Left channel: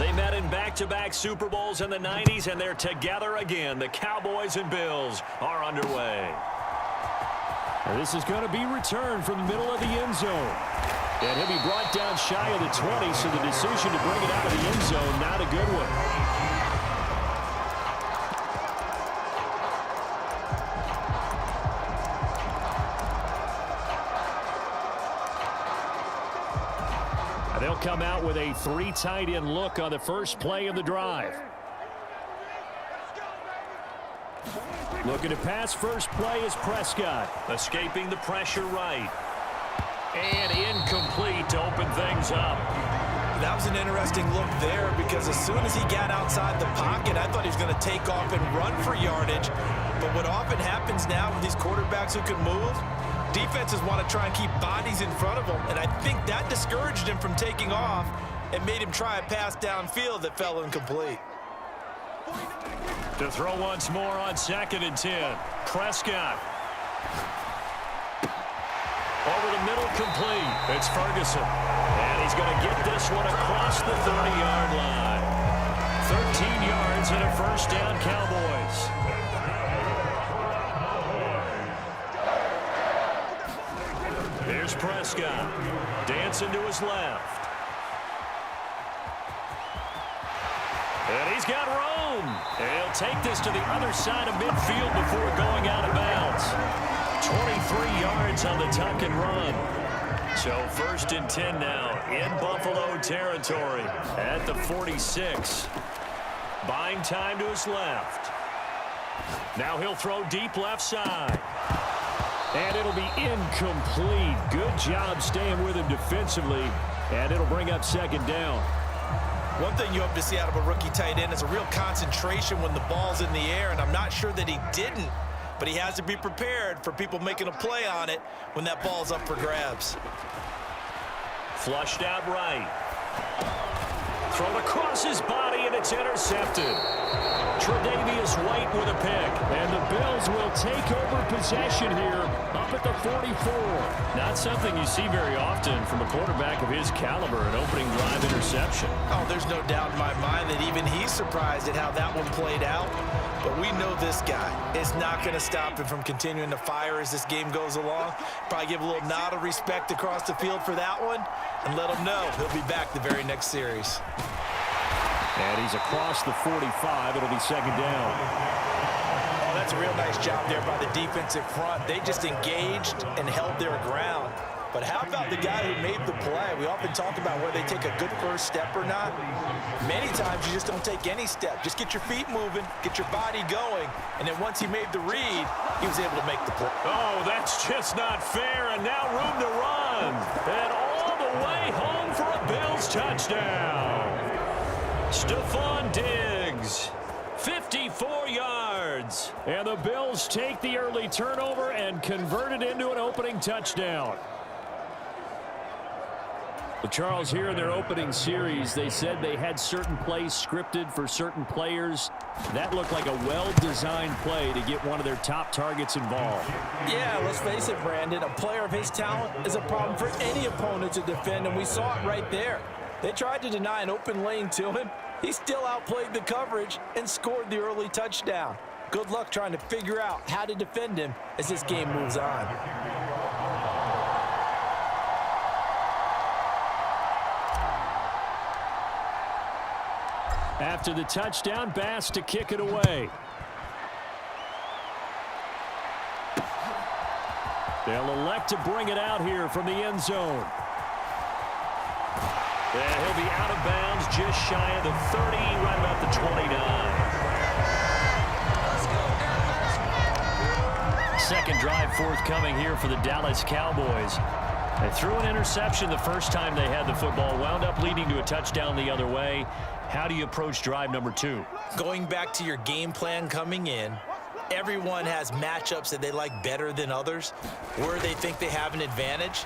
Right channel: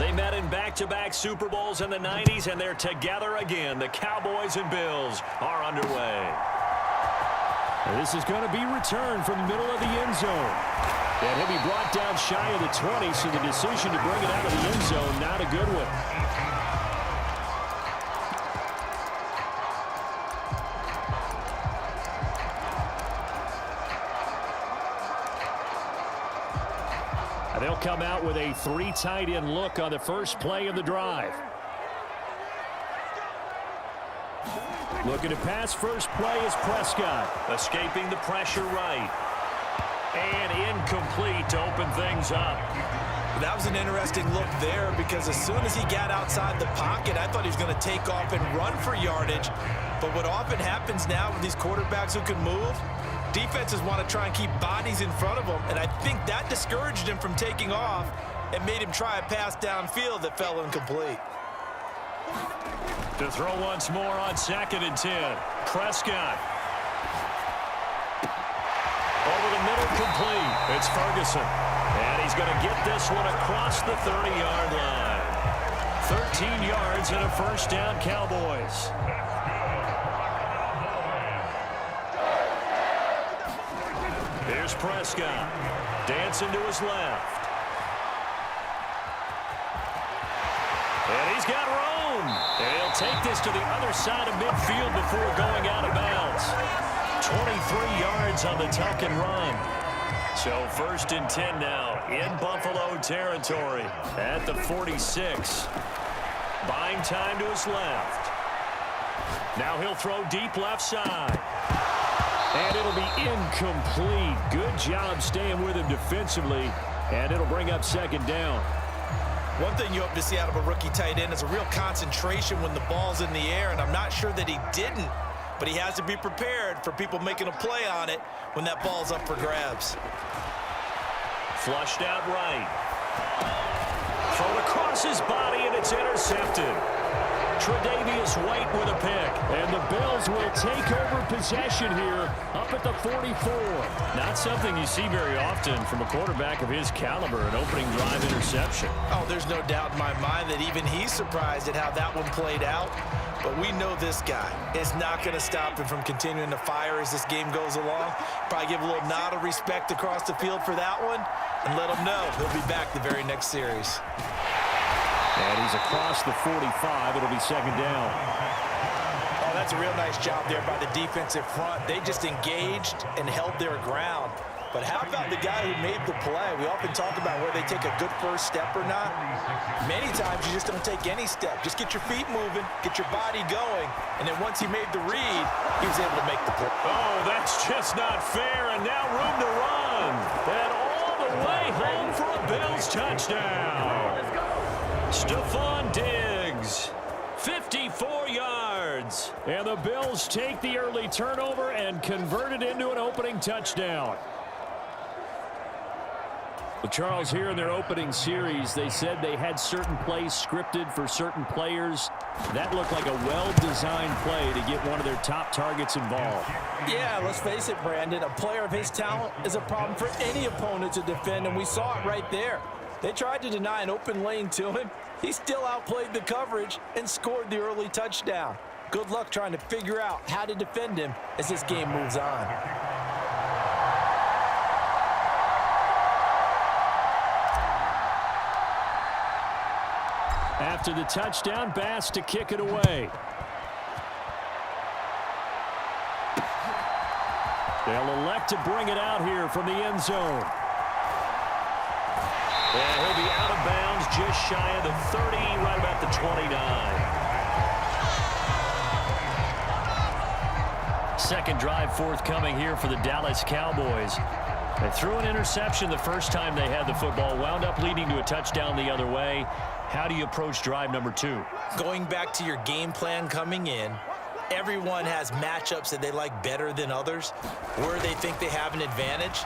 They met in back-to-back Super Bowls in the 90s, and they're together again. The Cowboys and Bills are underway. And this is going to be returned from the middle of the end zone. And he'll be brought down shy of the 20, so the decision to bring it out of the end zone, not a good one. They'll come out with a 3 tight end look on the first play of the drive. Looking to pass first play is Prescott. Escaping the pressure right. And incomplete to open things up. That was an interesting look there because as soon as he got outside the pocket, I thought he was going to take off and run for yardage. But what often happens now with these quarterbacks who can move, defenses want to try and keep bodies in front of them, and I think that discouraged him from taking off and made him try a pass downfield that fell incomplete. To throw once more on 2nd and 10. Prescott. Over the middle, complete. It's Ferguson. And he's going to get this one across the 30-yard line. 13 yards and a first down, Cowboys. Here's Prescott. Dancing to his left. And he's got room. And he'll take this to the other side of midfield before going out of bounds. 23 yards on the tuck and run. So 1st and 10 now in Buffalo territory at the 46. Buying time to his left. Now he'll throw deep left side. And it'll be incomplete. Good job staying with him defensively. And it'll bring up 2nd down. One thing you hope to see out of a rookie tight end is a real concentration when the ball's in the air, and I'm not sure that he didn't, but he has to be prepared for people making a play on it when that ball's up for grabs. Flushed out right. Thrown across his body, and it's intercepted. Tre'Davious White with a pick. And the Bills will take over possession here up at the 44. Not something you see very often from a quarterback of his caliber, an opening drive interception. Oh, there's no doubt in my mind that even he's surprised at how that one played out. But we know this guy is not going to stop him from continuing to fire as this game goes along. Probably give a little nod of respect across the field for that one and let him know he'll be back the very next series. And he's across the 45. It'll be 2nd down. Oh, that's a real nice job there by the defensive front. They just engaged and held their ground. But how about the guy who made the play? We often talk about whether they take a good first step or not. Many times you just don't take any step. Just get your feet moving, get your body going, and then once he made the read, he was able to make the play. Oh, that's just not fair, and now room to run. And all the way home for a Bills touchdown. Stephon Diggs, 54 yards. And the Bills take the early turnover and convert it into an opening touchdown. Well, Charles, here in their opening series, they said they had certain plays scripted for certain players. That looked like a well-designed play to get one of their top targets involved. Yeah, let's face it, Brandon. A player of his talent is a problem for any opponent to defend, and we saw it right there. They tried to deny an open lane to him. He still outplayed the coverage and scored the early touchdown. Good luck trying to figure out how to defend him as this game moves on. After the touchdown, Bass to kick it away. They'll elect to bring it out here from the end zone. And he'll be out of bounds just shy of the 30, right about the 29. Second drive forthcoming here for the Dallas Cowboys. They threw an interception the first time they had the football, wound up leading to a touchdown the other way. How do you approach drive number 2? Going back to your game plan coming in, everyone has matchups that they like better than others, where they think they have an advantage.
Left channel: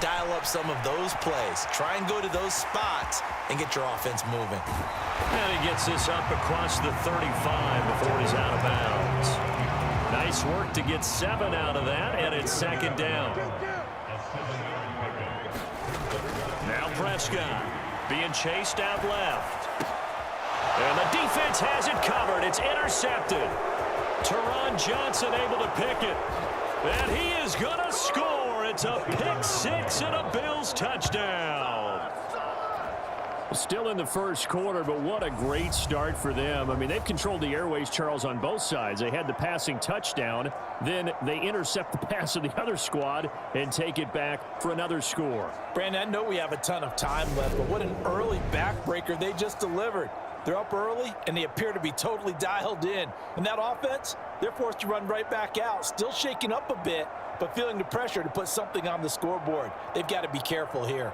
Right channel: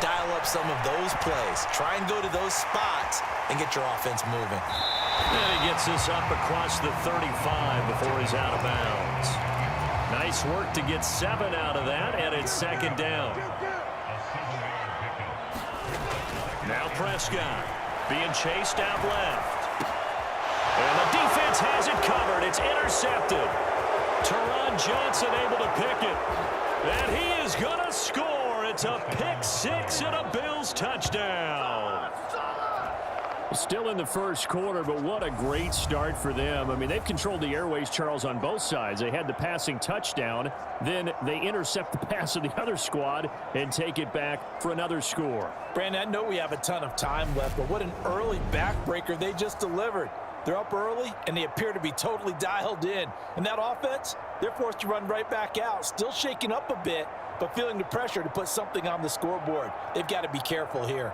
Dial up some of those plays. Try and go to those spots and get your offense moving. And he gets this up across the 35 before he's out of bounds. Nice work to get 7 out of that, and it's 2nd down. Now Prescott being chased out left. And the defense has it covered. It's intercepted. Teron Johnson able to pick it. And he is going to score. It's a pick six and a Bills touchdown. Still in the first quarter, but what a great start for them. I mean, they've controlled the airways, Charles, on both sides. They had the passing touchdown. Then they intercept the pass of the other squad and take it back for another score. Brandon, I know we have a ton of time left, but what an early backbreaker they just delivered. They're up early, and they appear to be totally dialed in. And that offense, they're forced to run right back out, still shaking up a bit, but feeling the pressure to put something on the scoreboard. They've got to be careful here.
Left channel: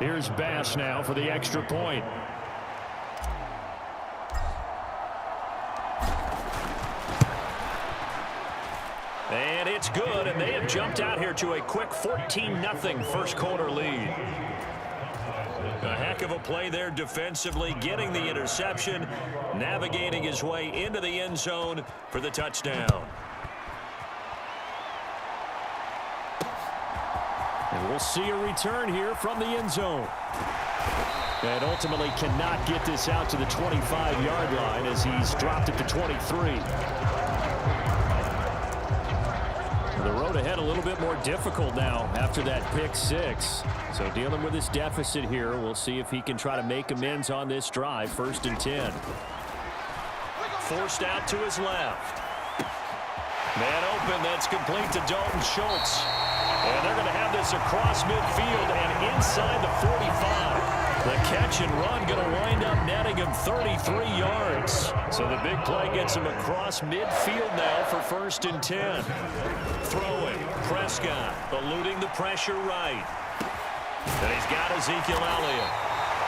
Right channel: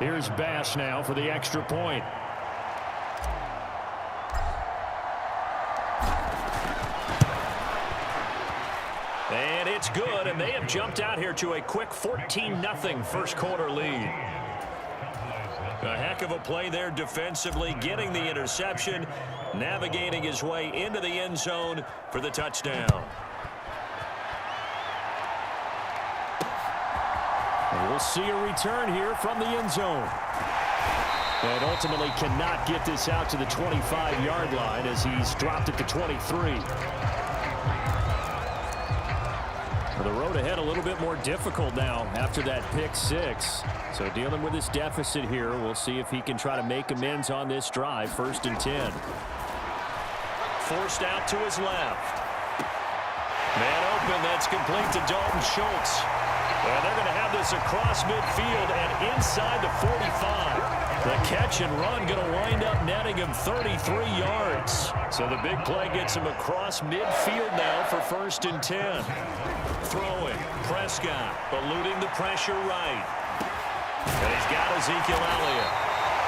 Here's Bass now for the extra point. And it's good, and they have jumped out here to a quick 14-0 first quarter lead. A heck of a play there defensively, getting the interception, navigating his way into the end zone for the touchdown. And we'll see a return here from the end zone. And ultimately cannot get this out to the 25-yard line as he's dropped at the 23. The road ahead a little bit more difficult now after that pick six. So dealing with this deficit here, we'll see if he can try to make amends on this drive. 1st and 10. Forced out to his left. Man open, that's complete to Dalton Schultz. And they're going to have this across midfield and inside the 45. The catch and run going to wind up netting him 33 yards. So the big play gets him across midfield now for 1st and 10. Throwing, Prescott eluding the pressure right. And he's got Ezekiel Elliott.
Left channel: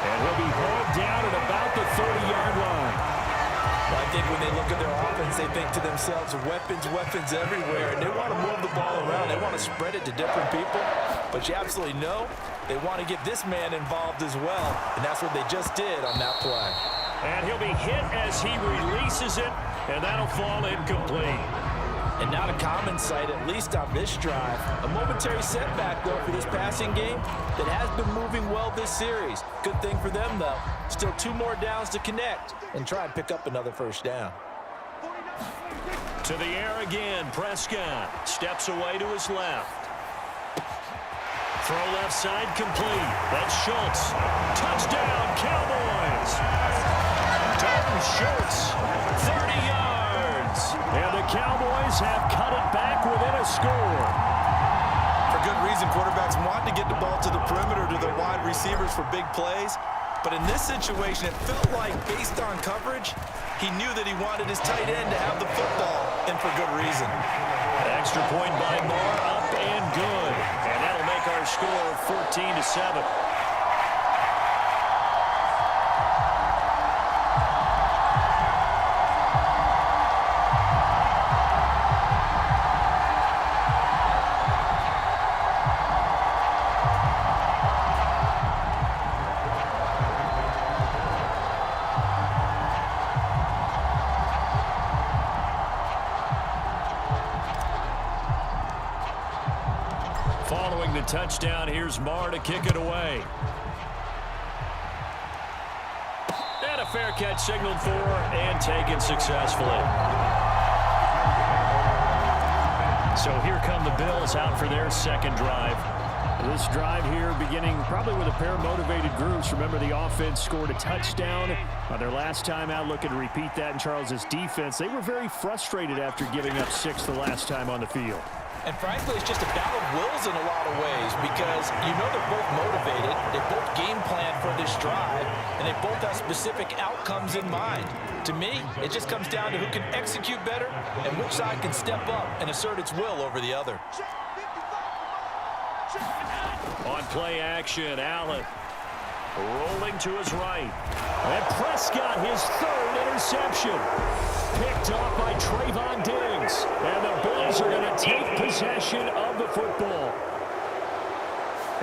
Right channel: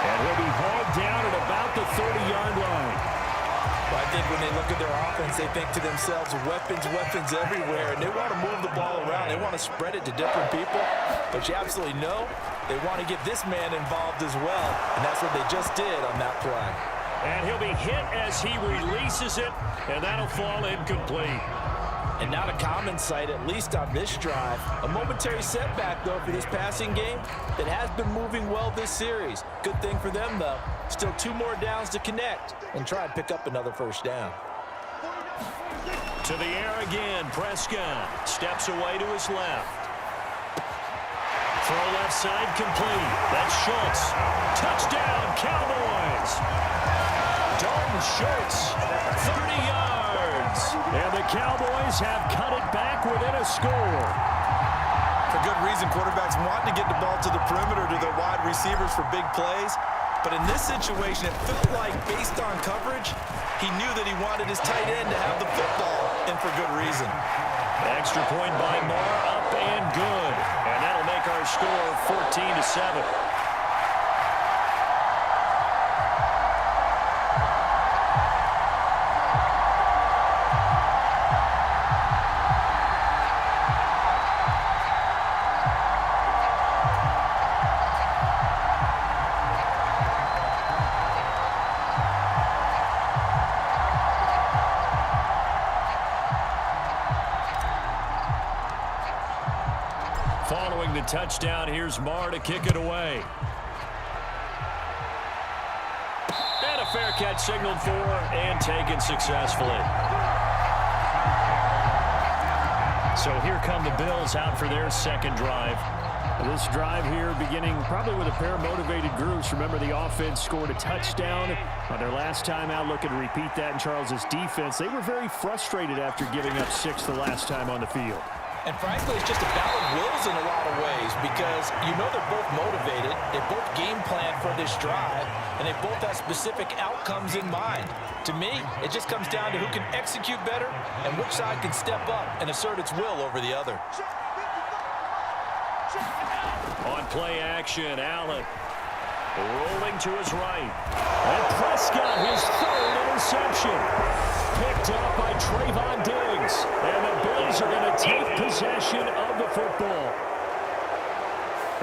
And he'll be hauled down at about the 30-yard line. Well, I think when they look at their offense, they think to themselves, weapons, weapons everywhere, and they want to move the ball around. They want to spread it to different people, but you absolutely know they want to get this man involved as well, and that's what they just did on that play. And he'll be hit as he releases it, and that'll fall incomplete. And not a common sight, at least on this drive. A momentary setback, though, for this passing game that has been moving well this series. Good thing for them, though. Still 2 more downs to connect and try and pick up another 1st down. To the air again, Prescott steps away to his left. Throw left side complete. That's Schultz. Touchdown, Cowboys. Dalton Schultz, 30 yards. And the Cowboys have cut it back within a score. For good reason, quarterbacks want to get the ball to the perimeter to their wide receivers for big plays. But in this situation, it felt like, based on coverage, he knew that he wanted his tight end to have the football, and for good reason. Extra point by Moore, up and good. And that'll make our score 14-7. Following the touchdown, here's Marr to kick it away. And a fair catch signaled for and taken successfully. So here come the Bills out for their second drive. This drive here beginning probably with a pair of motivated groups. Remember, the offense scored a touchdown on their last time out. Looking to repeat that in Charles's defense. They were very frustrated after giving up 6 the last time on the field. And frankly, it's just a battle of wills in a lot of ways because you know they're both motivated, they both game plan for this drive, and they both have specific outcomes in mind. To me, it just comes down to who can execute better and which side can step up and assert its will over the other. On play action, Allen rolling to his right. And Prescott, his 3rd interception. Picked off by Trayvon Diggs. And the Bills are going to take possession of the football.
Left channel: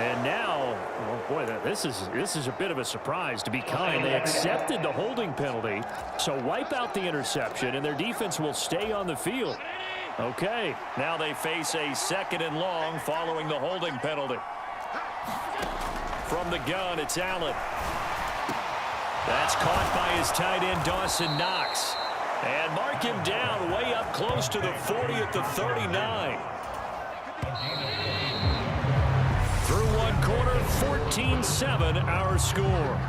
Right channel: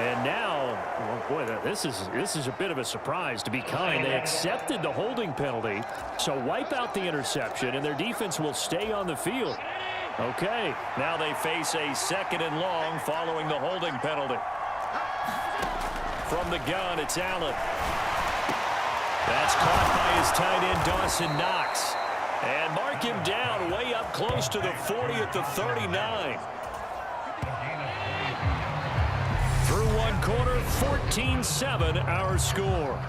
And now, well, boy, this is a bit of a surprise. To be kind, they accepted the holding penalty, so wipe out the interception, and their defense will stay on the field. Okay. Now they face a 2nd and long following the holding penalty. From the gun, it's Allen. That's caught by his tight end, Dawson Knox. And mark him down way up close to the 40 at the 39. Through one quarter, 14-7 our score.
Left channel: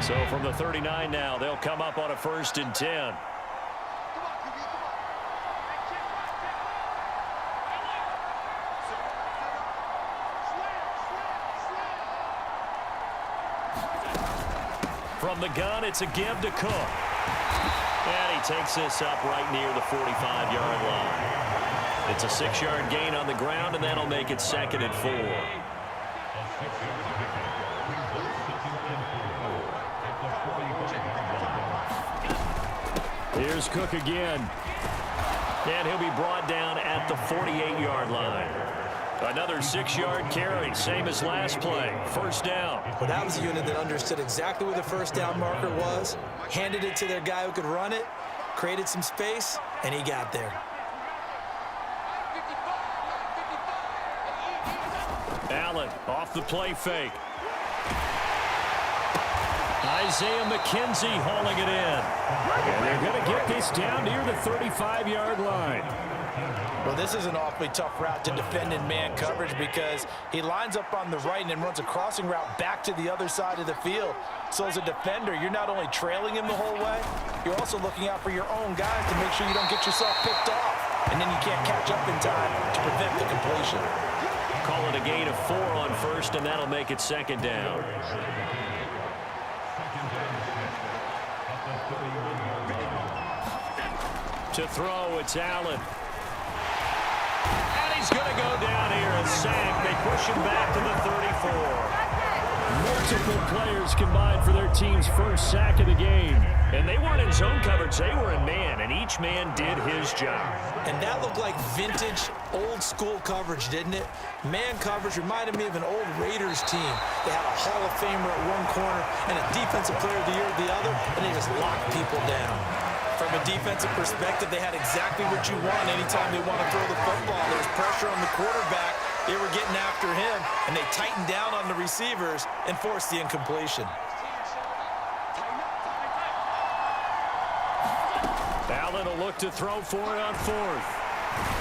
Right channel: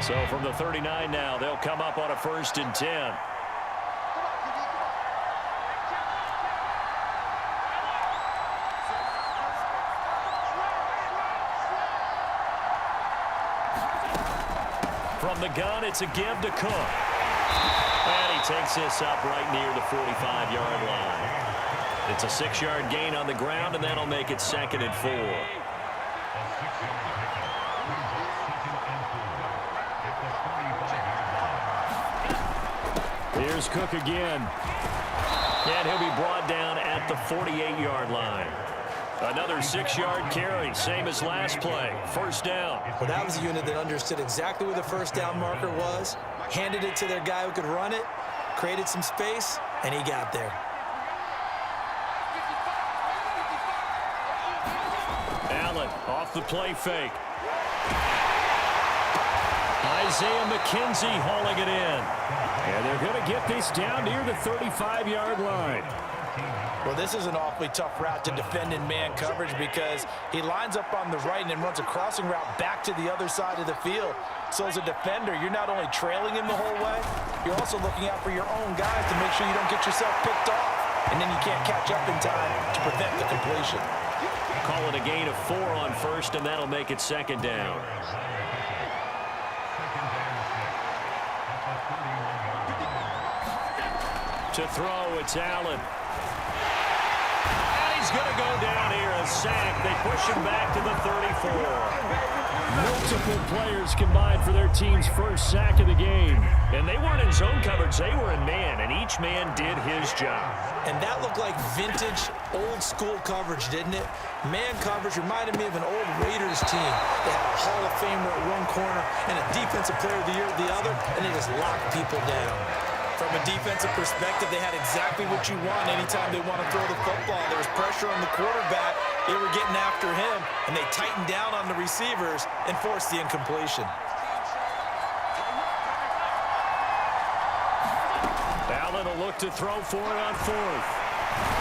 So from the 39 now, they'll come up on a 1st and 10. From the gun, it's a give to Cook. And he takes this up right near the 45-yard line. It's a 6-yard gain on the ground, and that'll make it 2nd and 4. Here's Cook again. And he'll be brought down at the 48-yard line. Another 6-yard carry, same as last play. 1st down. Well, that was a unit that understood exactly where the 1st down marker was, handed it to their guy who could run it, created some space, and he got there. Allen off the play fake. Isaiah McKenzie hauling it in. And they're going to get this down near the 35-yard line. Well, this is an awfully tough route to defend in man coverage because he lines up on the right and then runs a crossing route back to the other side of the field. So as a defender, you're not only trailing him the whole way, you're also looking out for your own guys to make sure you don't get yourself picked off. And then you can't catch up in time to prevent the completion. Call it a gain of 4 on 1st, and that'll make it 2nd down. To throw, it's Allen. And he's going to go down here, a sack. They push him back to the 34. Multiple players combined for their team's 1st sack of the game. And they weren't in zone coverage. They were in man, and each man did his job. And that looked like vintage, old-school coverage, didn't it? Man coverage reminded me of an old Raiders team. They had a Hall of Famer at one corner and a Defensive Player of the Year at the other, and they just locked people down. From a defensive perspective, they had exactly what you want anytime they want to throw the football. There was pressure on the quarterback. They were getting after him, and they tightened down on the receivers and forced the incompletion. Allen will look to throw for it on 4th.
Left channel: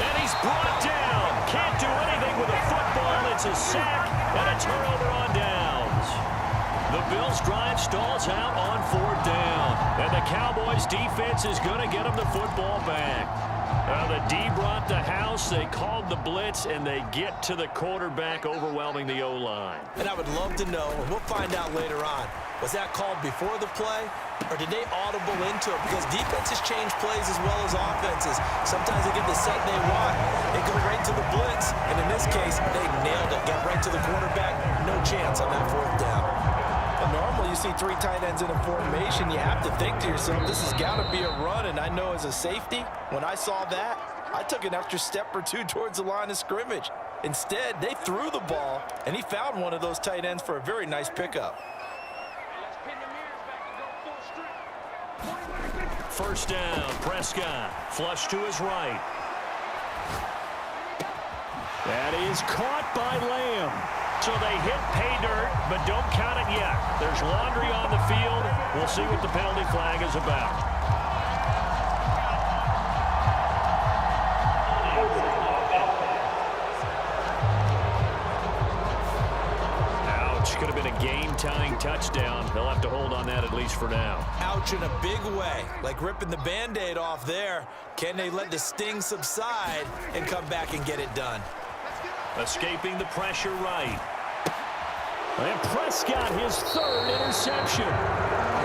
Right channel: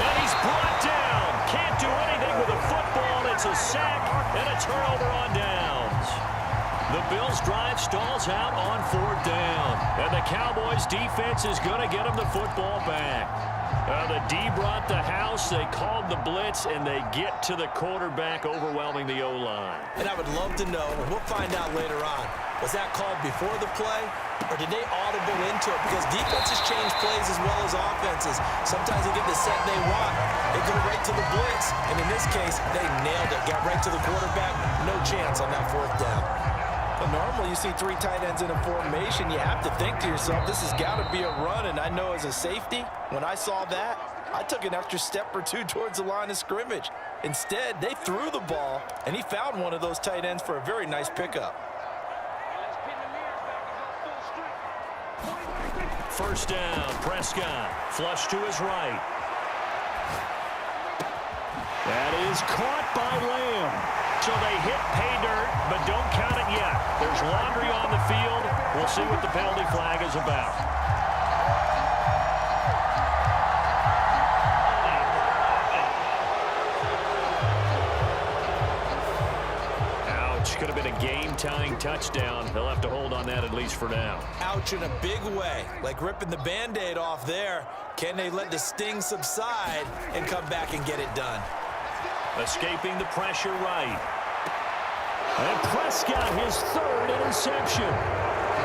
And he's brought down. Can't do anything with a football. It's a sack and a turnover on downs. The Bills' drive stalls out on 4th down. And the Cowboys' defense is going to get them the football back. The D brought the house. They called the blitz, and they get to the quarterback, overwhelming the O-line. And I would love to know, and we'll find out later on, was that called before the play, or did they audible into it? Because defenses change plays as well as offenses. Sometimes they get the set they want. They go right to the blitz, and in this case, they nailed it. Got right to the quarterback. No chance on that 4th down. Well, normally you see 3 tight ends in a formation. You have to think to yourself, this has got to be a run. And I know as a safety, when I saw that, I took an extra step or 2 towards the line of scrimmage. Instead, they threw the ball, and he found one of those tight ends for a very nice pickup. 1st down, Prescott. Flush to his right. That is caught by Lamb. So they hit pay dirt, but don't count it yet. There's laundry on the field. We'll see what the penalty flag is about. Ouch. Could have been a game-tying touchdown. They'll have to hold on that at least for now. Ouch in a big way. Like ripping the Band-Aid off there. Can they let the sting subside and come back and get it done? Escaping the pressure right. And Prescott, his 3rd interception.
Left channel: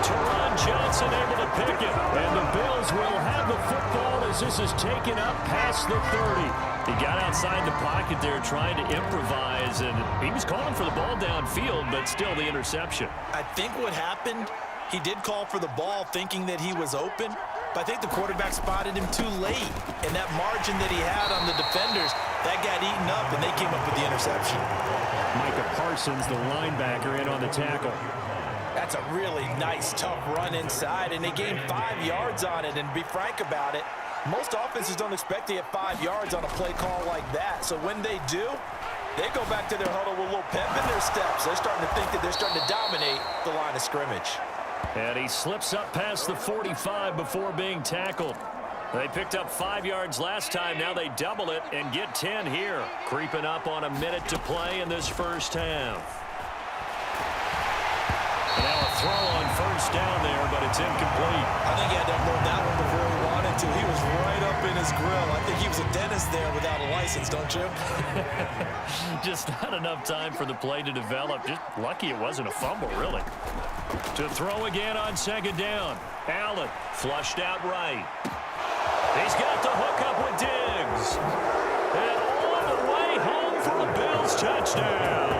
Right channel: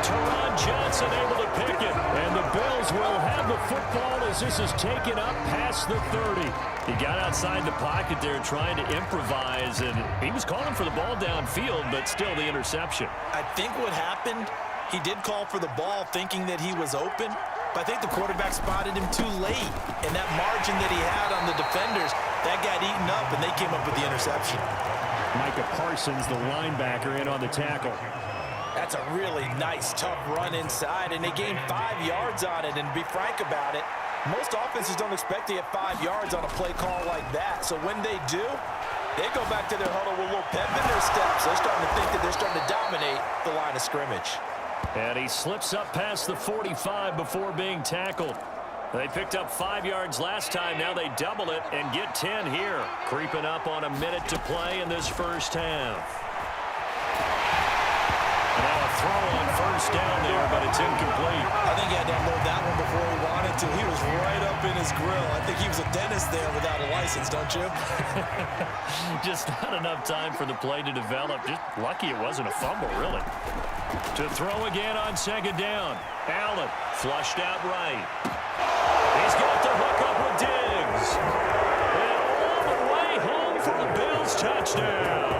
Teron Johnson able to pick it. And the Bills will have the football as this is taken up past the 30. He got outside the pocket there trying to improvise, and he was calling for the ball downfield, but still the interception. I think what happened, he did call for the ball thinking that he was open, but I think the quarterback spotted him too late. And that margin that he had on the defenders, that got eaten up, and they came up with the interception. Micah Parsons, the linebacker, in on the tackle. That's a really nice, tough run inside, and they gained 5 yards on it. And to be frank about it, most offenses don't expect to get 5 yards on a play call like that. So when they do, they go back to their huddle with a little pep in their steps. They're starting to think that they're starting to dominate the line of scrimmage. And he slips up past the 45 before being tackled. They picked up 5 yards last time. Now they double it and get 10 here. Creeping up on a minute to play in this first half. And now a throw on first down there, but it's incomplete. I think he had to unload that one before he wanted to. He was right up in his grill. I think he was a dentist there without a license, don't you? Just not enough time for the play to develop. Just lucky it wasn't a fumble, really. To throw again on second down. Allen flushed out right. He's got the hook up with Diggs. And all the way home for the Bills touchdown.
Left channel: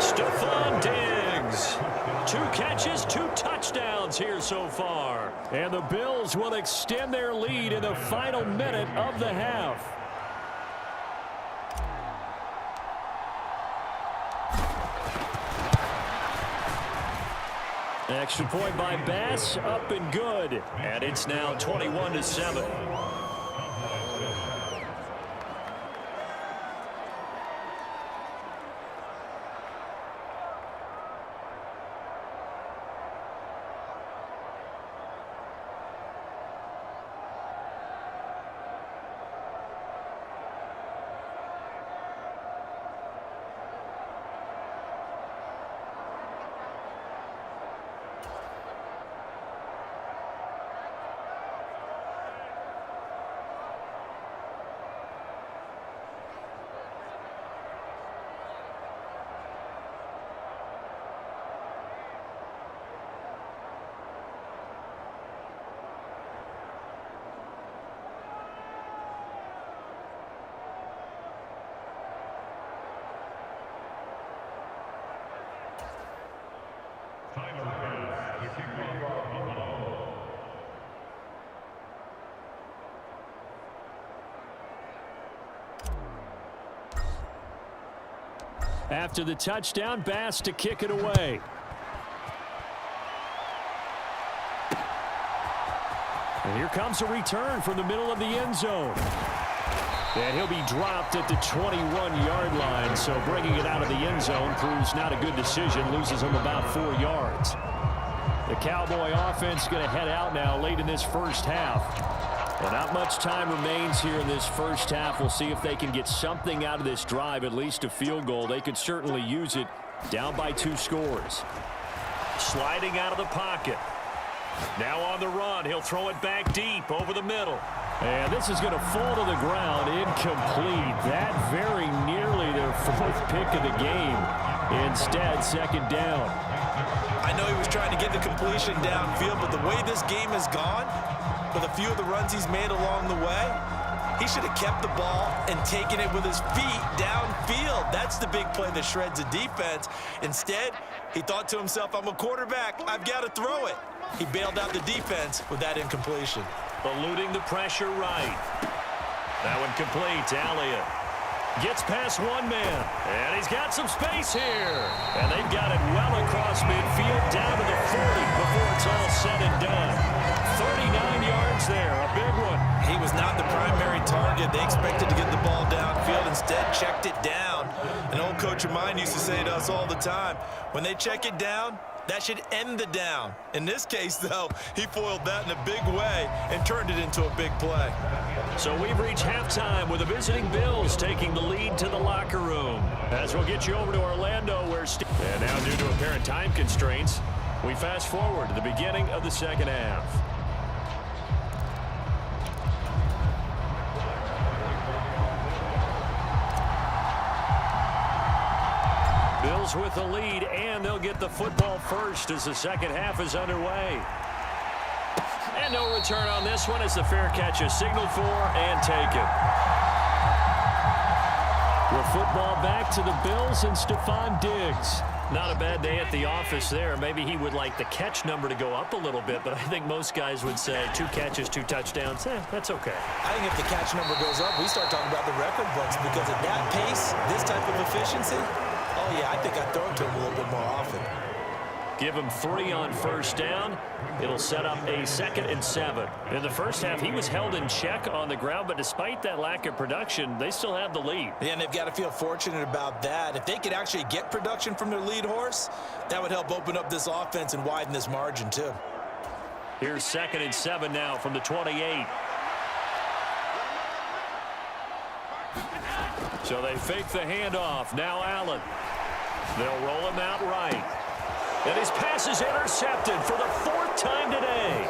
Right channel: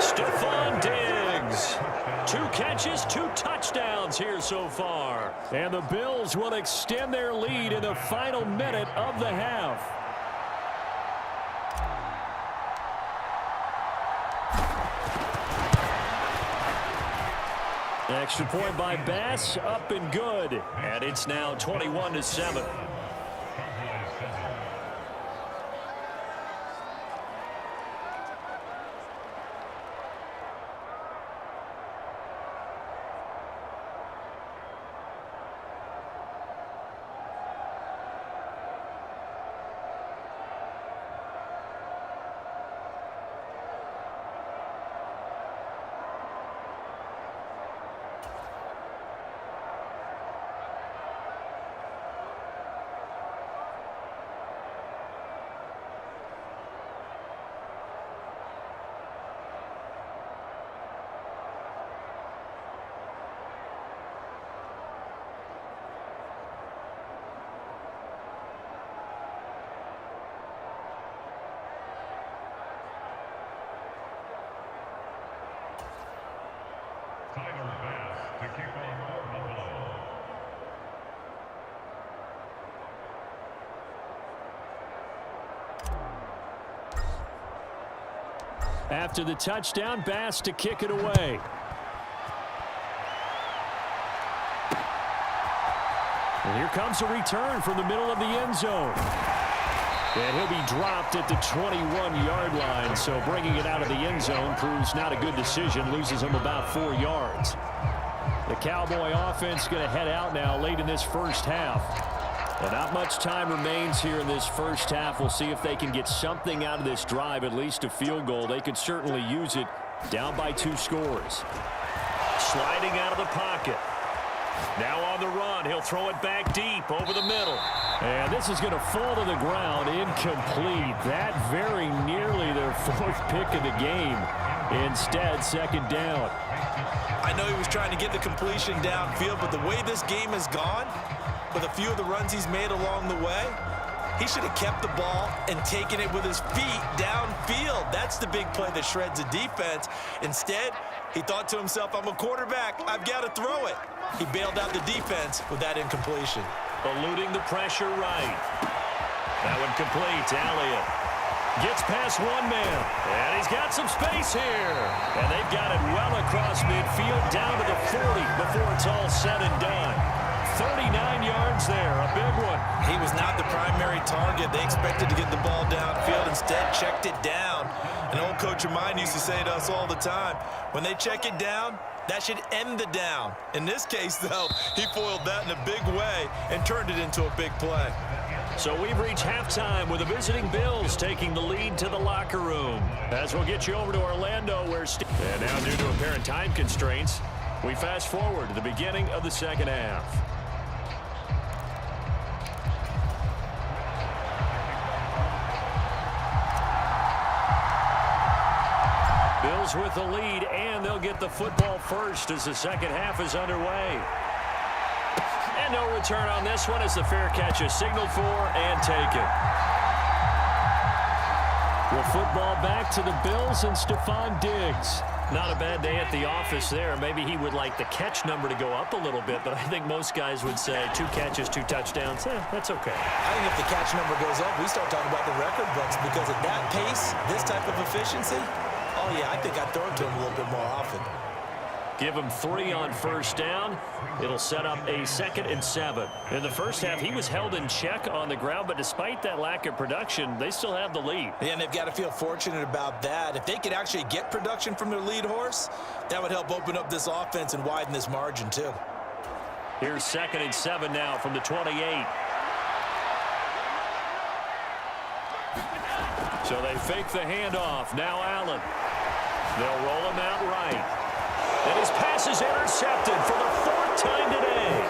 Stephon Diggs. 2 catches, 2 touchdowns here so far. And the Bills will extend their lead in the final minute of the half. Extra point by Bass, up and good. And it's now 21-7. After the touchdown, Bass to kick it away. And here comes a return from the middle of the end zone. And he'll be dropped at the 21-yard line, so bringing it out of the end zone proves not a good decision, loses him about 4 yards. The Cowboy offense going to head out now late in this first half. Well, not much time remains here in this first half. We'll see if they can get something out of this drive, at least a field goal. They could certainly use it, down by 2 scores. Sliding out of the pocket. Now on the run. He'll throw it back deep over the middle. And this is going to fall to the ground, incomplete. That very nearly their 4th pick of the game. Instead, second down. I know he was trying to get the completion downfield, but the way this game has gone, with a few of the runs he's made along the way, he should have kept the ball and taken it with his feet downfield. That's the big play that shreds a defense. Instead, he thought to himself, I'm a quarterback, I've got to throw it. He bailed out the defense with that incompletion. Eluding the pressure right. That one complete. Elliott gets past one man. And he's got some space here. And they've got it well across midfield down to the 40 before it's all said and done. 39 yards there, a big one. He was not the primary target. They expected to get the ball downfield. Instead, checked it down. An old coach of mine used to say to us all the time, when they check it down, that should end the down. In this case, though, he foiled that in a big way and turned it into a big play. So we've reached halftime with the visiting Bills taking the lead to the locker room. As we'll get you over to Orlando where and now due to apparent time constraints, we fast forward to the beginning of the second half. Bills with the lead, and they'll get the football first as the second half is underway. And no return on this one as the fair catch is signaled for and taken. The football back to the Bills and Stephon Diggs. Not a bad day at the office there. Maybe he would like the catch number to go up a little bit, but I think most guys would say 2 catches, 2 touchdowns. That's okay. I think if the catch number goes up, we start talking about the record books because at that pace, this type of efficiency, oh, yeah, I think I'd throw it to him a little bit more often. Give him 3 on first down. It'll set up a 2nd and 7. In the first half, he was held in check on the ground, but despite that lack of production, they still have the lead. Yeah, and they've got to feel fortunate about that. If they could actually get production from their lead horse, that would help open up this offense and widen this margin too. Here's 2nd and 7 now from the 28. So they fake the handoff. Now Allen. They'll roll him out right. And his pass is intercepted for the 4th time today.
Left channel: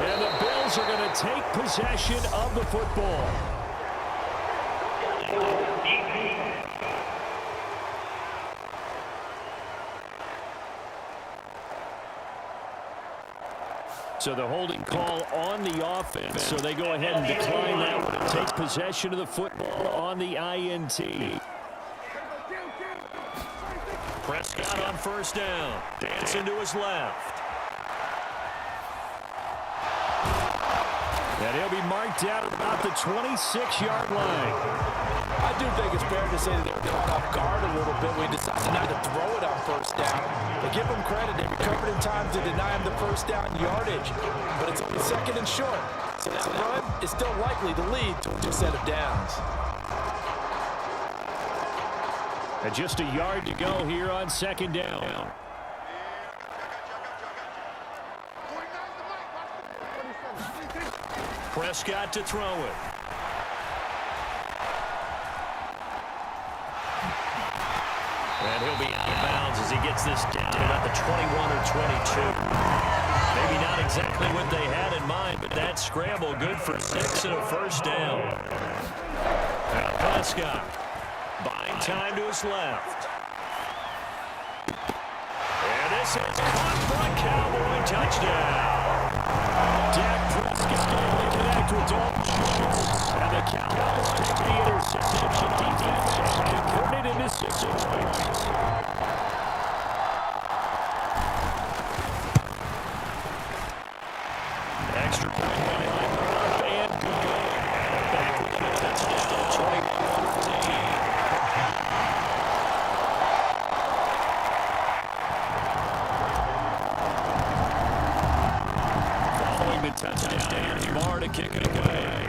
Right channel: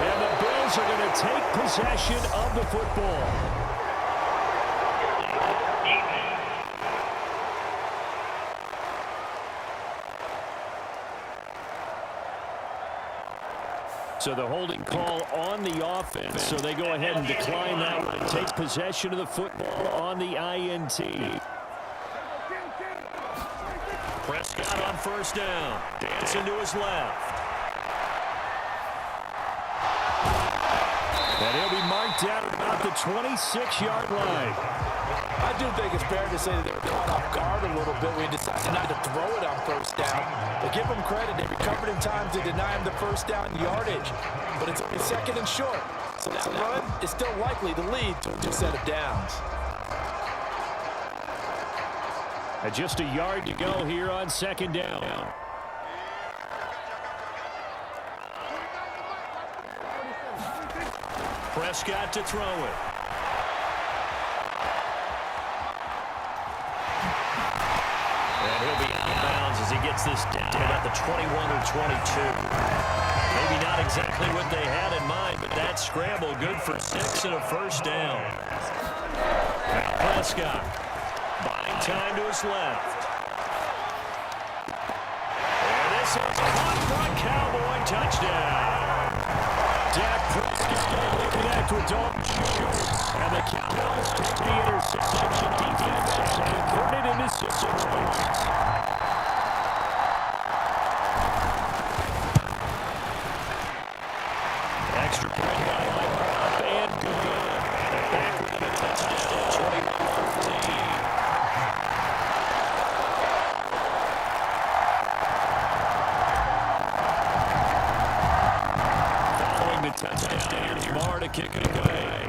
And the Bills are going to take possession of the football. So the holding call on the offense. So they go ahead and decline that one and take possession of the football on the INT. Prescott on first down. Dancing to his left. And he'll be marked out at about the 26-yard line. I do think it's fair to say that they were caught off guard a little bit when he decided not to throw it on first down. But give them credit. They recovered in time to deny him the first down yardage. But it's only 2nd and short. So that run is still likely to lead to a new set of downs. And just a yard to go here on 2nd down. Prescott to throw it. And he'll be out of bounds as he gets this down to about the 21 or 22. Maybe not exactly what they had in mind, but that scramble good for 6 and a first down. Now Prescott buying time to his left. And this is caught for a Cowboy touchdown. Dak Prescott able to connect with Dalton Schultz. And the Cowboys take the interception defense and convert it into 6 points. Extra point by Hunt and good. And back with a touchdown, 21-14. Following the touchdown, here's Marr to kick it away.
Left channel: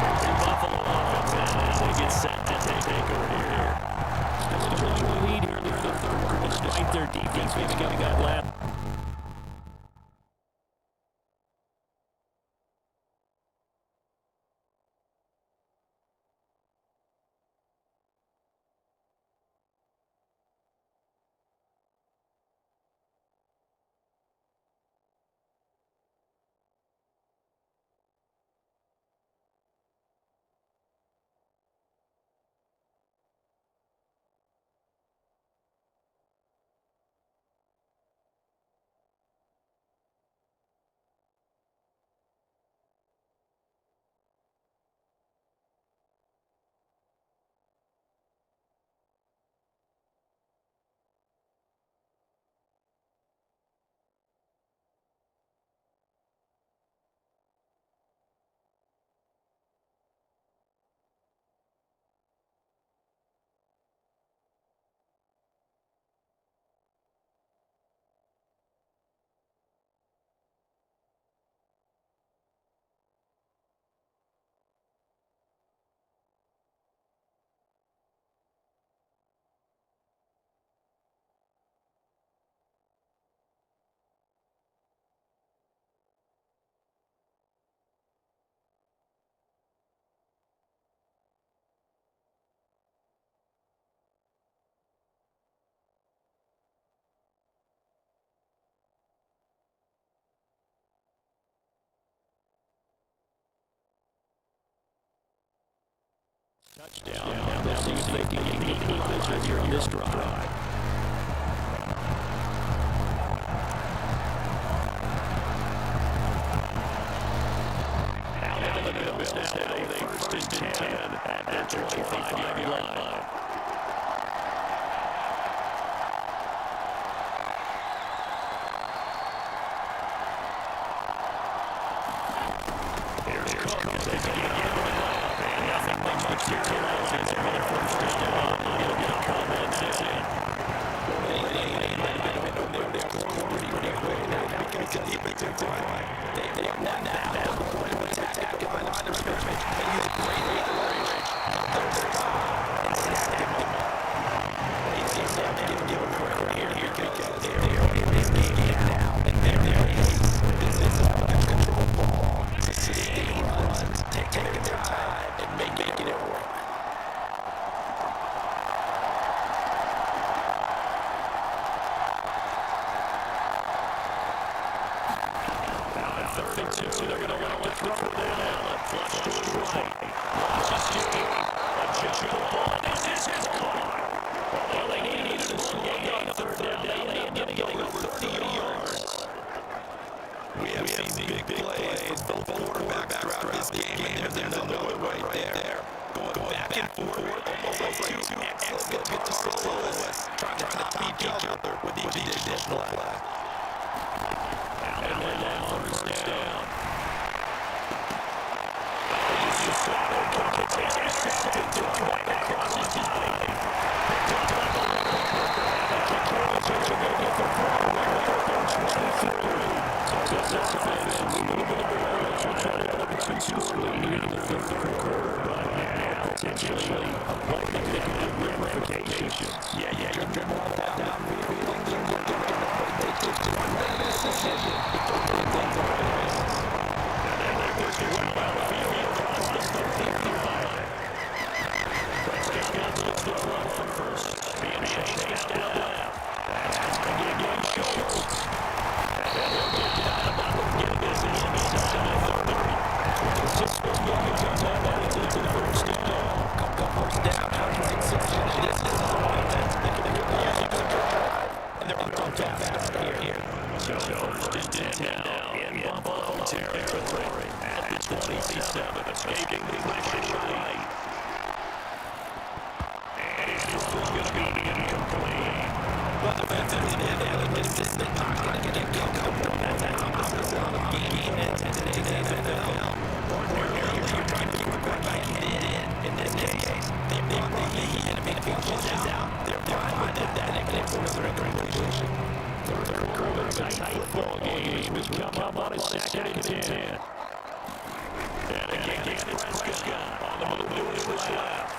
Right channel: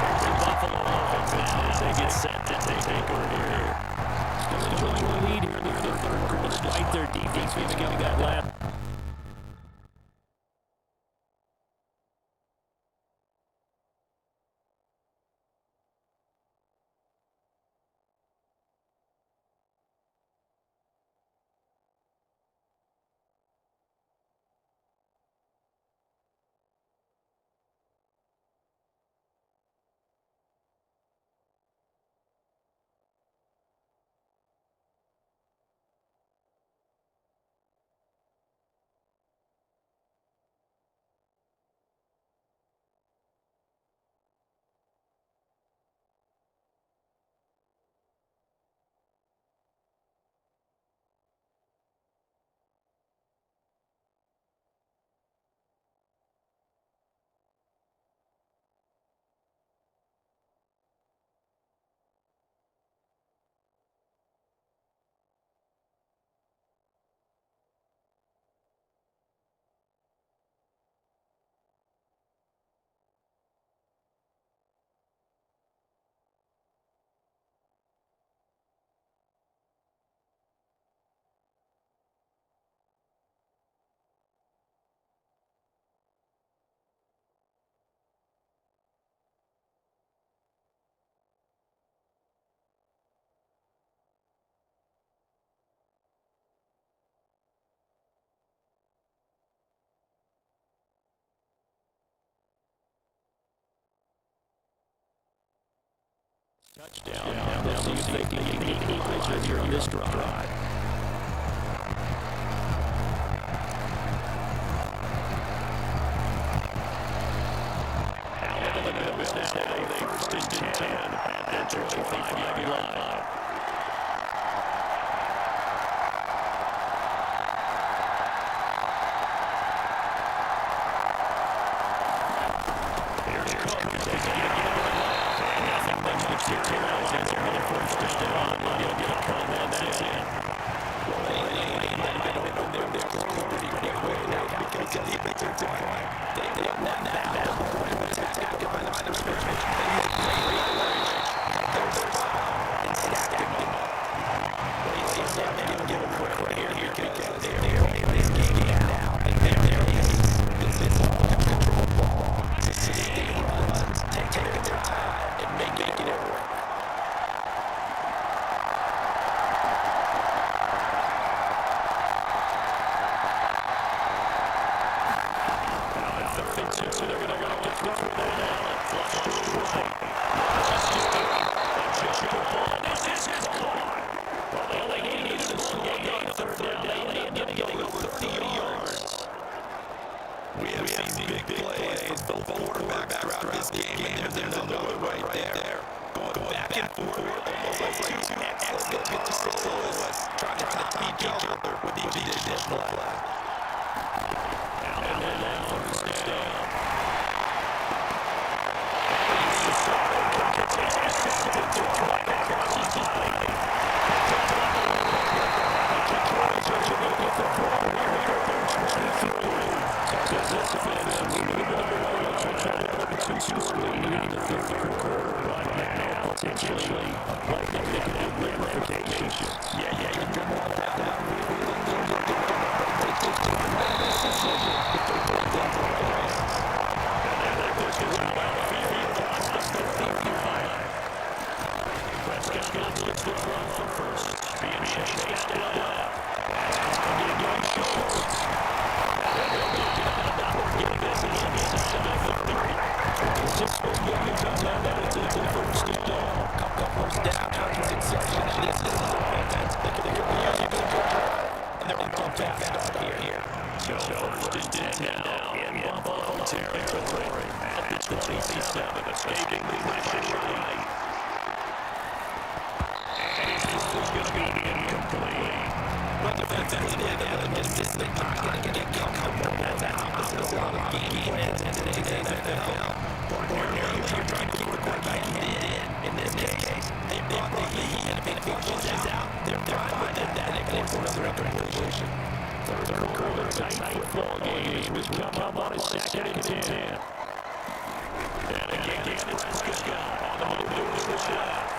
Here's the Buffalo offense now as they get set to take over here. Still enjoying the lead here in the third quarter, despite their defense maybe getting that last. Touchdown. Now they'll see if they can get the equalizer here on this drive. The Bills now with a 1st and 10 at their 25-yard line. Here's Cook. They can get and nothing much materializes there on their 1st down. He'll get a couple, and that's it. I don't know they're pretty quick now because the defensive line. They are now attack on the line of scrimmage. They use great leverage. There's and stacked him up. Give them credit here because they're playing this game now. And they're this is all control ball. Sustained runs, taking their time and making it work. So they're going to throw that out. Flush to his right. They jump the ball. This is caught. Well, they needed a small gain on 3rd down. They ended up getting over 30 yards. We have seen big plays from both quarterbacks throughout this game, and there's another one right there. Going back and forth, almost like two excellent guitar soloists trying to top each other with each additional play. Now 1st down. Potentially a play that could have ramifications. Yeah, you're dribbling down. They take the one decision. And then they're pushing around the field across the 35. Prescott gets the run from 1st. Being chased down left. That's going to get Schultz. And then they'll get another getting this inside the 30. Just for yards on that, it's a 1st down. Couple 1st down, 26. This is offense. They're using a good drive. And they're on fast here. So 1st and 10 now in Buffalo territory at the 27, escaping the pressure right. And it's going to be incomplete. But the defensive end is just not going to get comfortable. That's opposite a lot of game plans in today's NFL. Ordinarily, you're trying to keep the quarterback in this case. They brought the lead, and if it washes out, they're fine with that, and they force another completion. Third quarter, tight ball game as we come on a 2nd and 10. And again, it's Prescott on the move to his left.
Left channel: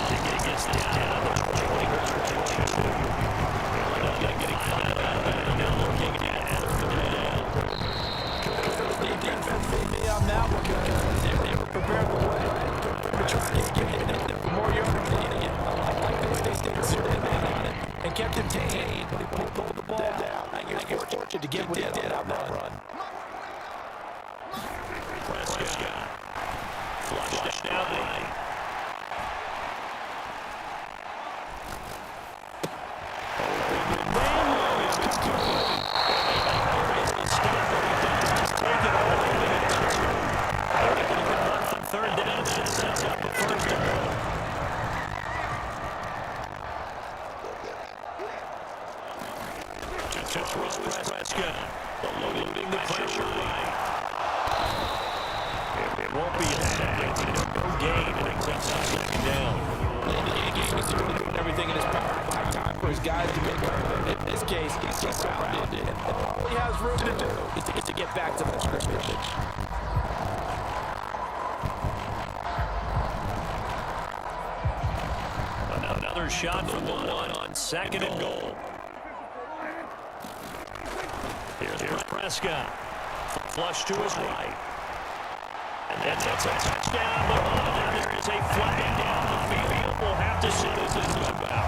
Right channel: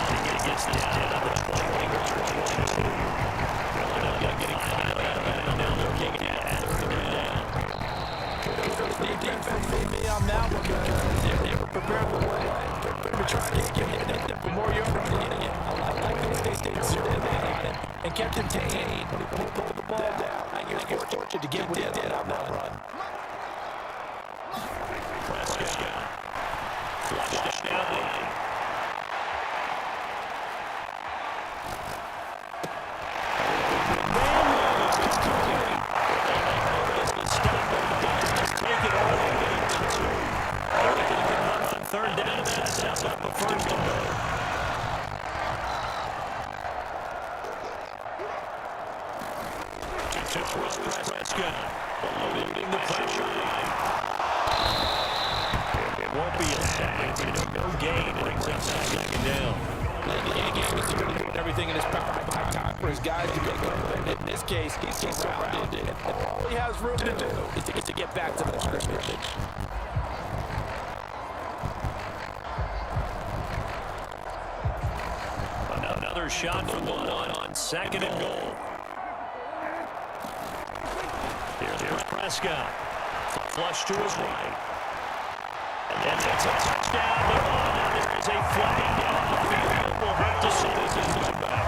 And he gets this down on the 20-22. They'll end up getting 5 out of it, and now they're looking at 3rd down. I'm now looking. They were prepared the way. They're trying to get it for more yards. I like the way they stayed serious on it and kept him contained when he pulled the ball down. I think he was fortunate to get what he did on that run. Prescott flushed down right. Take it all the way to 2. I reckon he can run on 3rd down and sets up a 1st down. To Prescott, eluding the pressure right. It won't be a sack, but it's no gain. Brings up 2nd down. He's doing everything in his power to buy time for his guys to make it. In this case, he's surrounded, and all he has room to do is to get back to the scrimmage. Another shot from the one on 2nd and goal. Here's Prescott. Flush to his right. And then that's a touchdown, but there is a flag down the field. We'll have to see what this is about.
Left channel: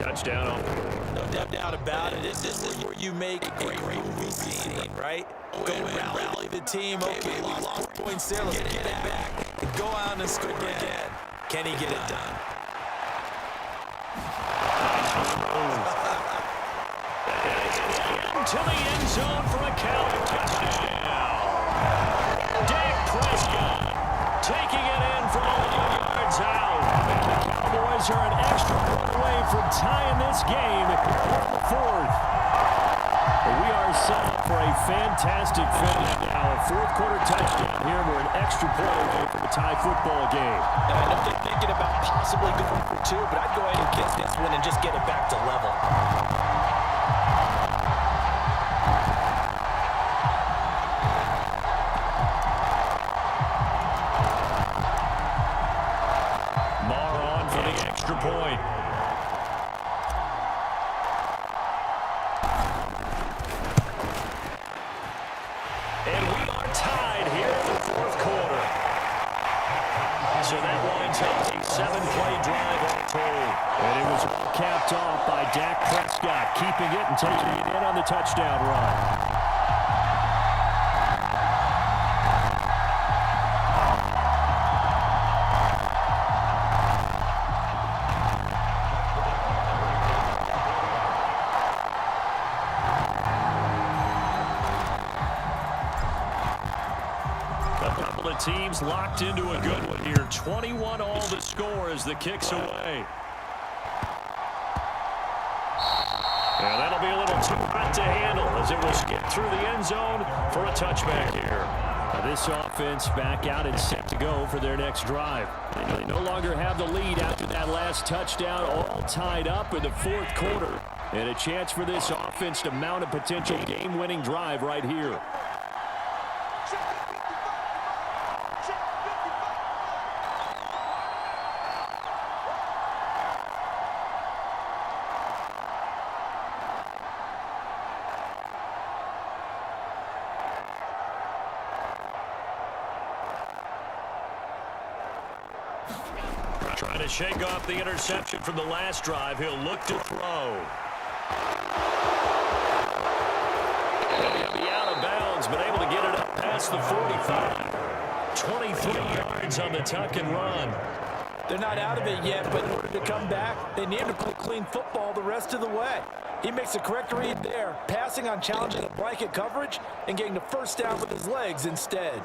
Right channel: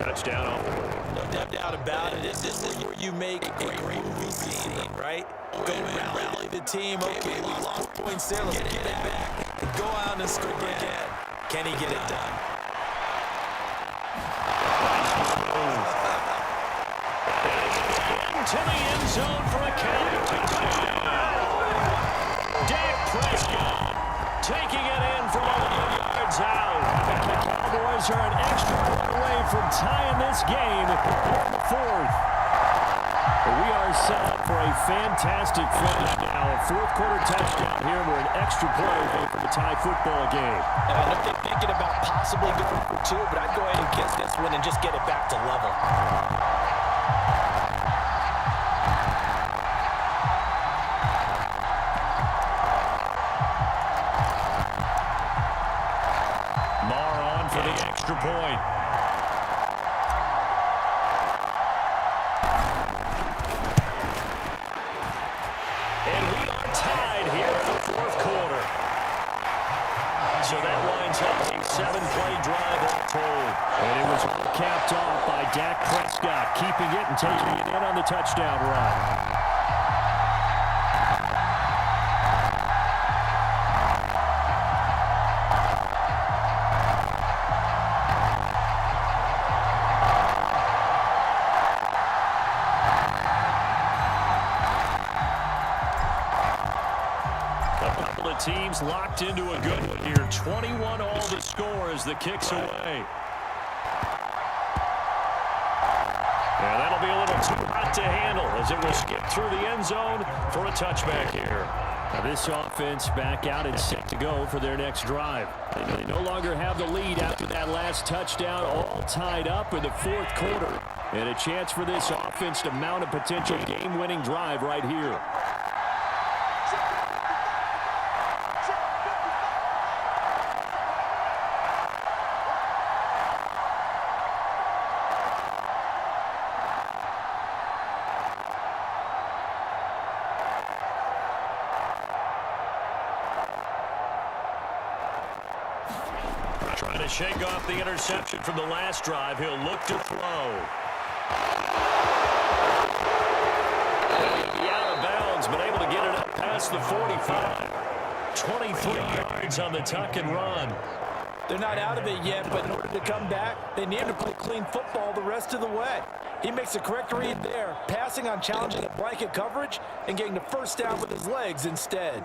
touchdown on board. No doubt about it. This is where you make a great movie scene, right? Go and rally the team. Okay, we lost points there. Let's get it back. And go out and score again. Can he get it done? To the end zone for a counter touchdown. Dak Prescott taking it in from 11 yards out. The Cowboys are an extra point away from tying this game in the fourth. We are set up for a fantastic finish now. A fourth-quarter touchdown here. We're an extra point away from a tie football game. And I know they're thinking about possibly going for two, but I'd go ahead and get this one and just get it back to level. Marr on for the extra point. And we are tied here in the fourth quarter. So that winds up a 7-play drive all told. And it was capped off by Dak Prescott, keeping it and taking it in on the touchdown run. Teams locked into a good one here. 21 all the score as the kick's away. And that'll be a little too hot to handle as it will skip through the end zone for a touchback here. Now this offense back out and set to go for their next drive. They no longer have the lead after that last touchdown, all tied up in the fourth quarter. And a chance for this offense to mount a potential game-winning drive right here. Trying to shake off the interception from the last drive. He'll look to throw. And he'll be out of bounds, but able to get it up past the 45. 23 yards on the tuck and run. They're not out of it yet, but in order to come back, they need to play clean football the rest of the way. He makes a correct read there, passing on challenging the blanket coverage and getting the first down with his legs instead.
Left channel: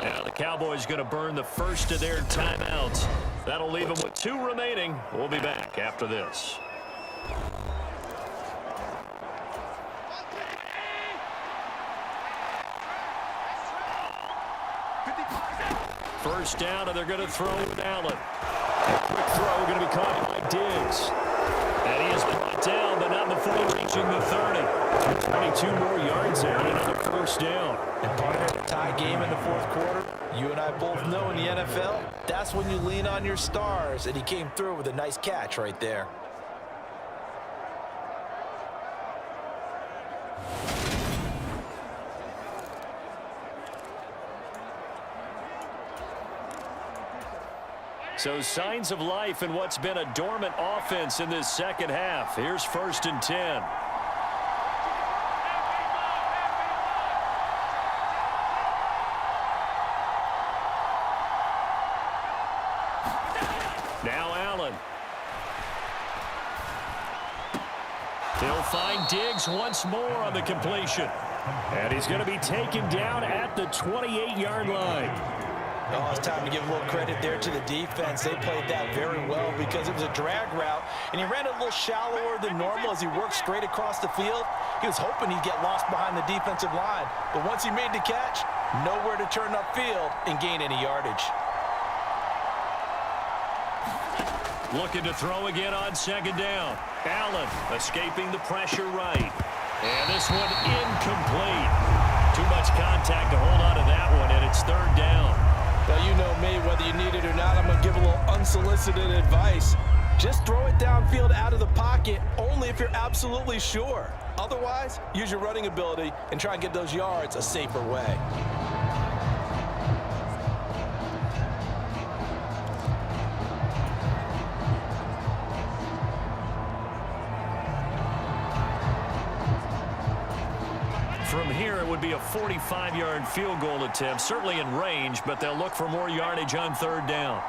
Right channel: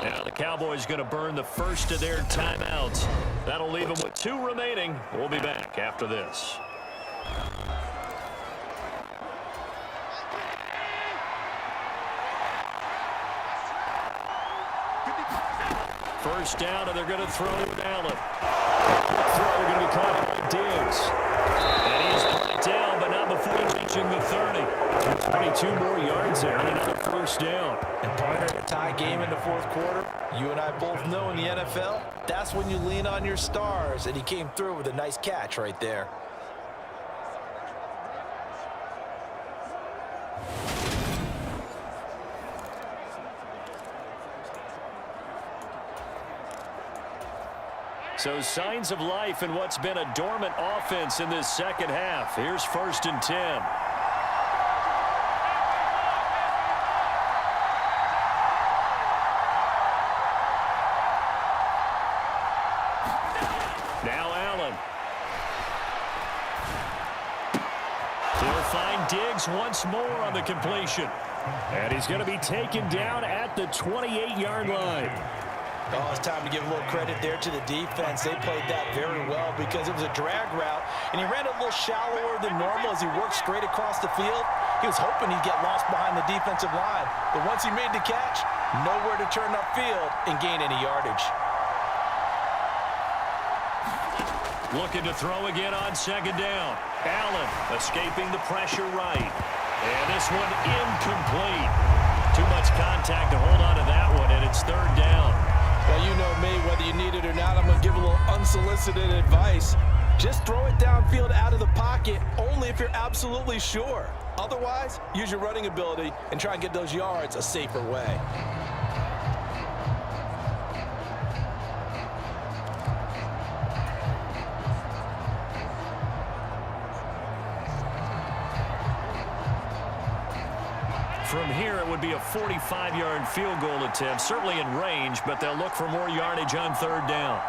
Now the Cowboys going to burn the first of their timeouts. That'll leave them with 2 remaining. We'll be back after this. First down, and they're going to throw with Allen. Quick throw going to be caught by Diggs. And he is brought down, but not before reaching the 30. 22 more yards there and another first down. And partner, a tie game in the fourth quarter. You and I both know in the NFL, that's when you lean on your stars. And he came through with a nice catch right there. So signs of life in what's been a dormant offense in this second half. Here's 1st and 10. Now Allen. He'll find Diggs once more on the completion. And he's going to be taken down at the 28-yard line. Oh, it's time to give a little credit there to the defense. They played that very well because it was a drag route, and he ran a little shallower than normal as he worked straight across the field. He was hoping he'd get lost behind the defensive line, but once he made the catch, nowhere to turn upfield and gain any yardage. Looking to throw again on 2nd down. Allen escaping the pressure right. And this one incomplete. Too much contact to hold on to that one, and it's 3rd down. Well, you know me, whether you need it or not, I'm going to give a little unsolicited advice. Just throw it downfield out of the pocket only if you're absolutely sure. Otherwise, use your running ability and try and get those yards a safer way. From here, it would be a 45-yard field goal attempt, certainly in range, but they'll look for more yardage on third down.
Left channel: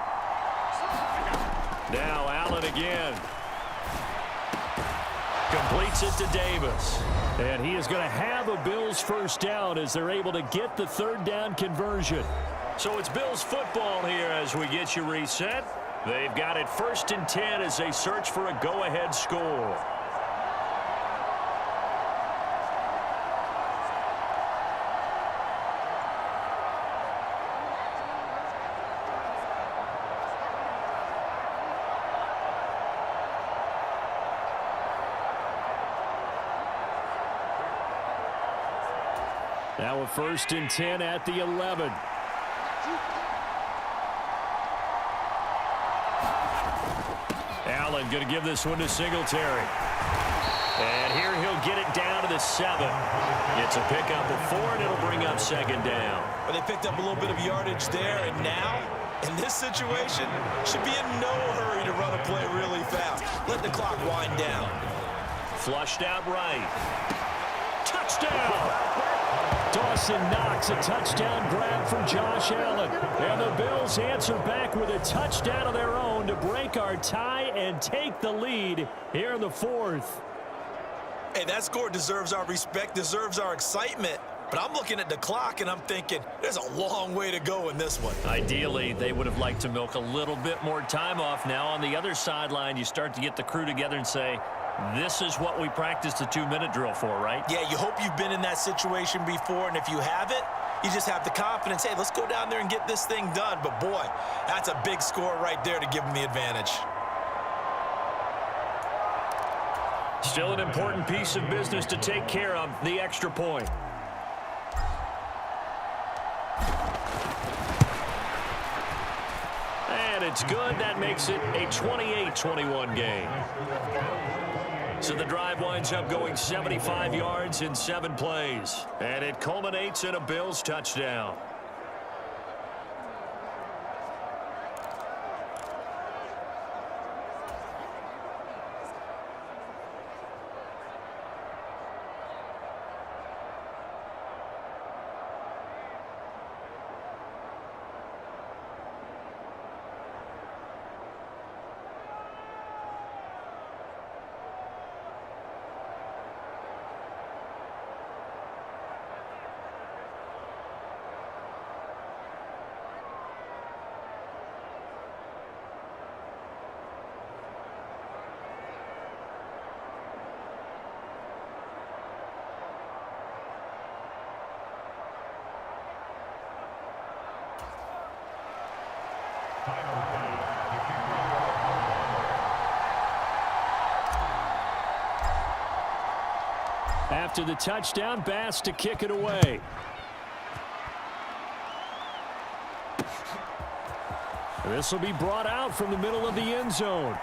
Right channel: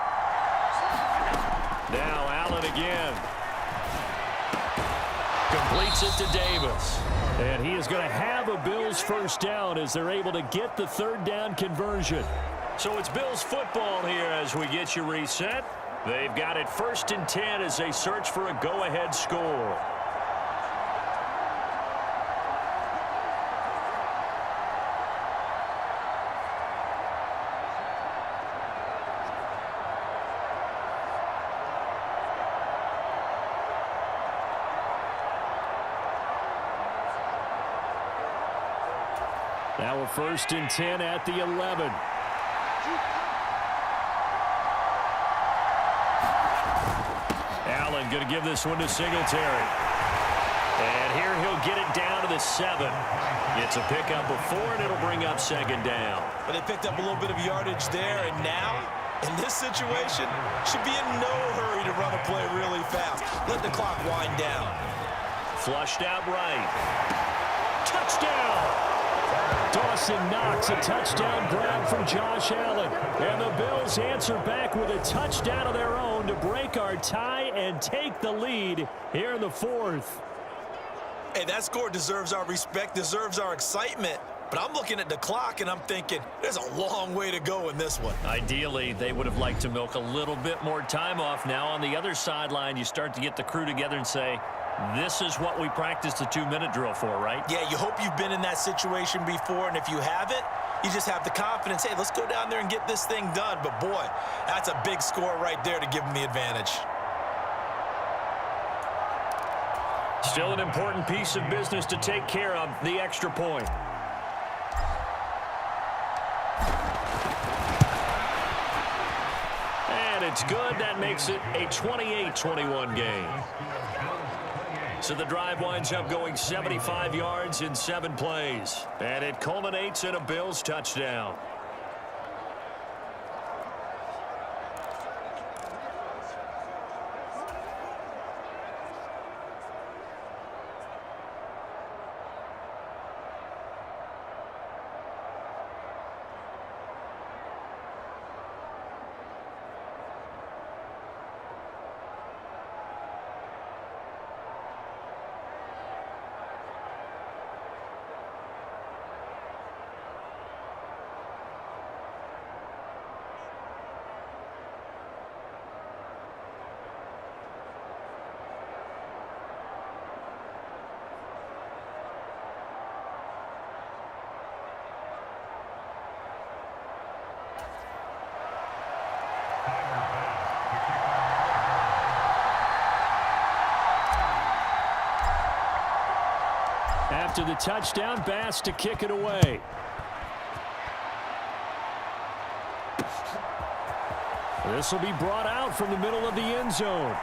Now Allen again. Completes it to Davis. And he is going to have a Bills first down as they're able to get the third down conversion. So it's Bills football here as we get you reset. They've got it 1st and 10 as they search for a go-ahead score. Now a 1st and 10 at the 11. Allen going to give this one to Singletary. And here he'll get it down to the 7. It's a pickup of 4, and it'll bring up 2nd down. But they picked up a little bit of yardage there, and now, in this situation, should be in no hurry to run a play really fast. Let the clock wind down. Flushed out right. Touchdown! Dawson Knox, a touchdown grab from Josh Allen. And the Bills answer back with a touchdown of their own to break our tie and take the lead here in the 4th. Hey, that score deserves our respect, deserves our excitement. But I'm looking at the clock, and I'm thinking there's a long way to go in this one. Ideally, they would have liked to milk a little bit more time off. Now on the other sideline, you start to get the crew together and say, this is what we practiced the 2-minute drill for, right? Yeah, you hope you've been in that situation before, and if you haven't, you just have the confidence, hey, let's go down there and get this thing done. But, boy, that's a big score right there to give them the advantage. Still an important piece of business to take care of, the extra point. And it's good. That makes it a 28-21 game. So the drive winds up going 75 yards in 7 plays. And it culminates in a Bills touchdown. After the touchdown, Bass to kick it away. This will be brought out from the middle of the end zone.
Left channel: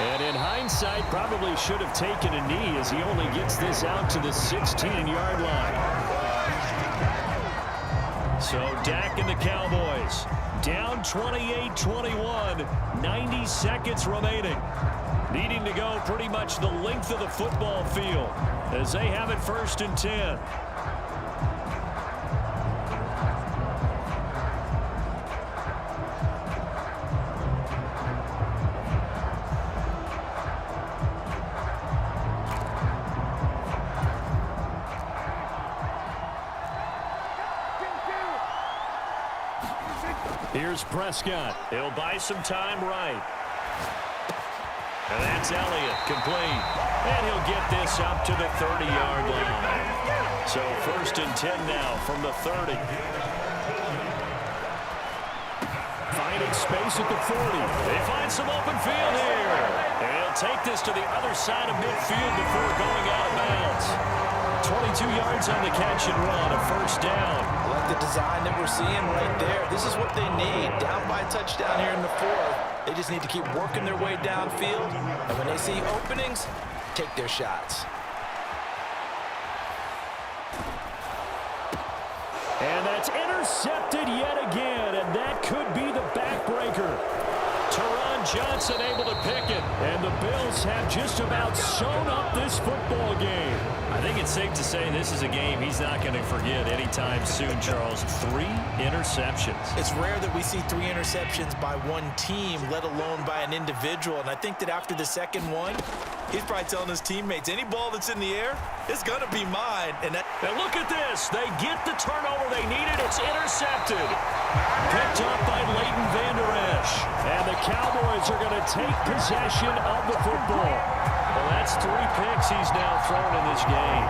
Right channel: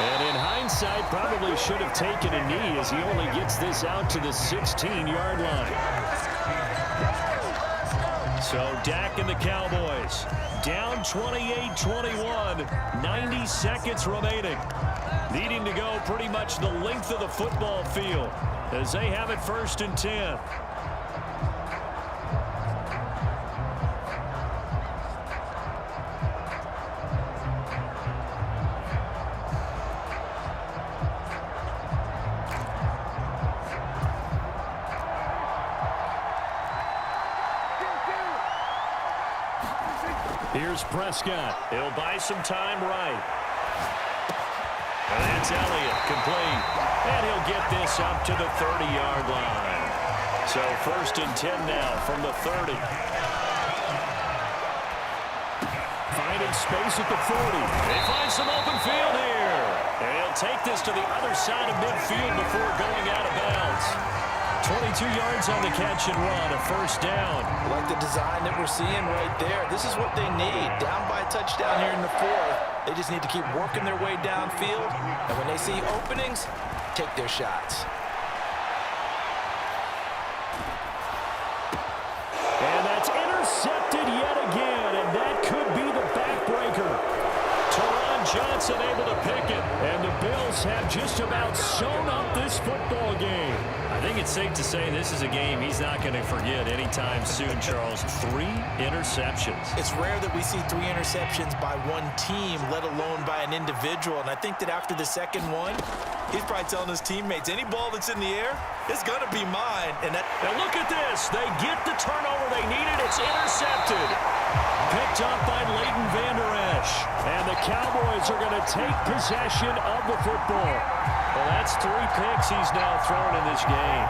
And in hindsight, probably should have taken a knee as he only gets this out to the 16-yard line. So Dak and the Cowboys down 28-21, 90 seconds remaining. Needing to go pretty much the length of the football field as they have it 1st and 10. Here's Prescott. He'll buy some time right. And that's Elliott, complete. And he'll get this up to the 30-yard line. So 1st and 10 now from the 30. Finding space at the 40. They find some open field here. And he'll take this to the other side of midfield before going out of bounds. 22 yards on the catch and run, a first down. I like the design that we're seeing right there. This is what they need. Down by a touchdown here in the fourth. They just need to keep working their way downfield. And when they see openings, take their shots. And that's intercepted yet again, and that could be the backbreaker. Teron Johnson able to pick it. And the Bills have just about sewn up this football game. I think it's safe to say this is a game he's not going to forget anytime soon, Charles. 3 interceptions. It's rare that we see 3 interceptions by one team, let alone by an individual. And I think that after the second one, he's probably telling his teammates, any ball that's in the air, it's going to be mine. And look at this. They get the turnover they needed. It's intercepted. Picked up by Leighton Vander Esch. And the Cowboys are going to take possession of the football. Well, that's 3 picks he's now thrown in this game.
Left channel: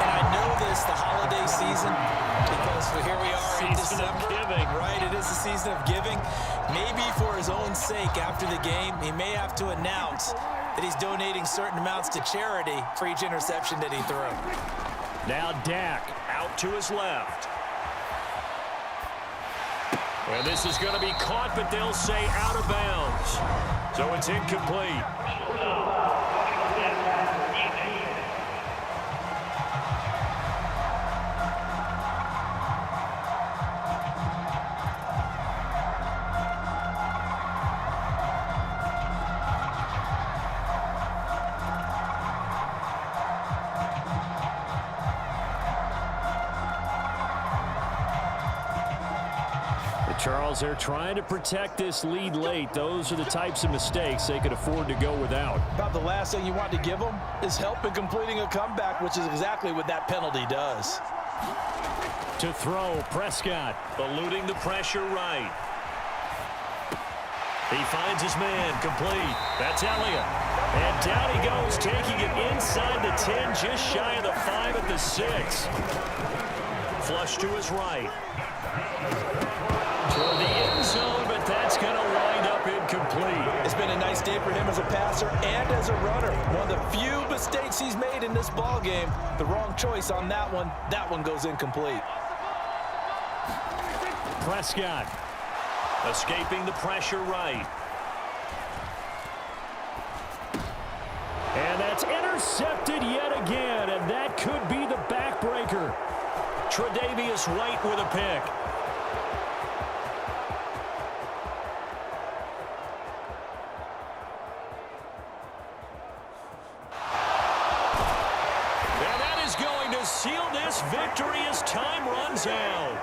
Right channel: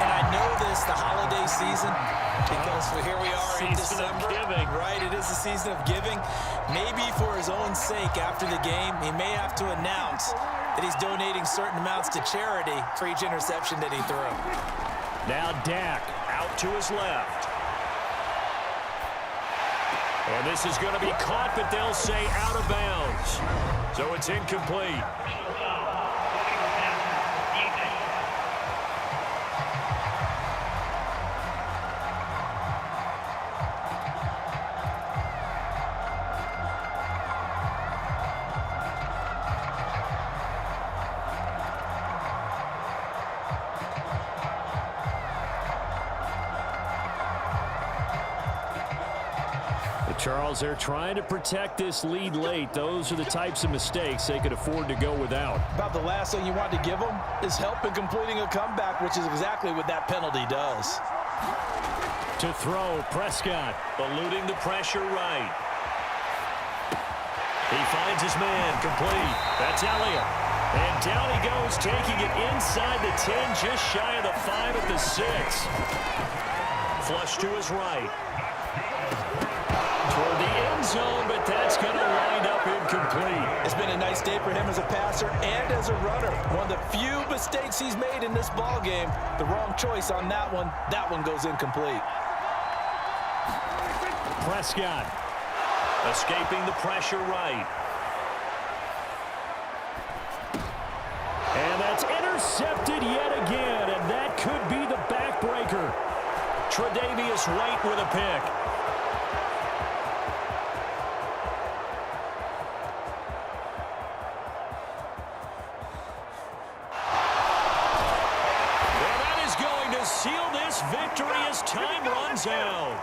And I know this, the holiday season, because here we are in December. Season of giving. Right, it is the season of giving. Maybe for his own sake after the game, he may have to announce that he's donating certain amounts to charity for each interception that he threw. Now Dak out to his left. And this is going to be caught, but they'll say out of bounds. So it's incomplete. Charles, they're trying to protect this lead late. Those are the types of mistakes they could afford to go without. About the last thing you want to give them is help in completing a comeback, which is exactly what that penalty does. To throw, Prescott. Eluding the pressure right. He finds his man, complete. That's Elliott. And down he goes, taking it inside the 10, just shy of the 5 at the 6. Flush to his right. Toward the end zone, but that's going to wind up incomplete. It's been a nice day for him as a passer and as a runner. One of the few mistakes he's made in this ball game. The wrong choice on that one. That one goes incomplete. Prescott. Escaping the pressure right. And that's intercepted yet again, and that could be the backbreaker. Tre'Davious White with a pick. Seal this victory as time runs out.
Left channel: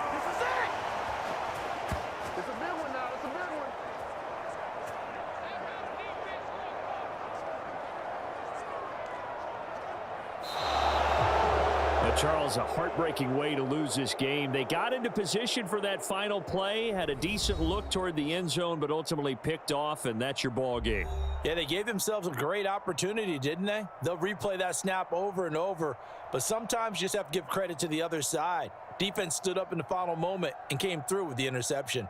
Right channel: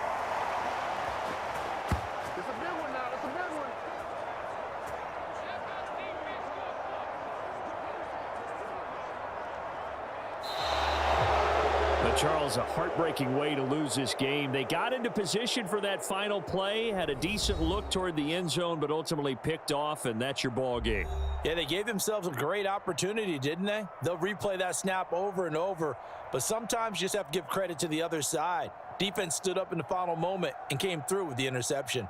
It's a big one now. It's a big one. But Charles, a heartbreaking way to lose this game. They got into position for that final play, had a decent look toward the end zone, but ultimately picked off, and that's your ball game. Yeah, they gave themselves a great opportunity, didn't they? They'll replay that snap over and over, but sometimes you just have to give credit to the other side. Defense stood up in the final moment and came through with the interception.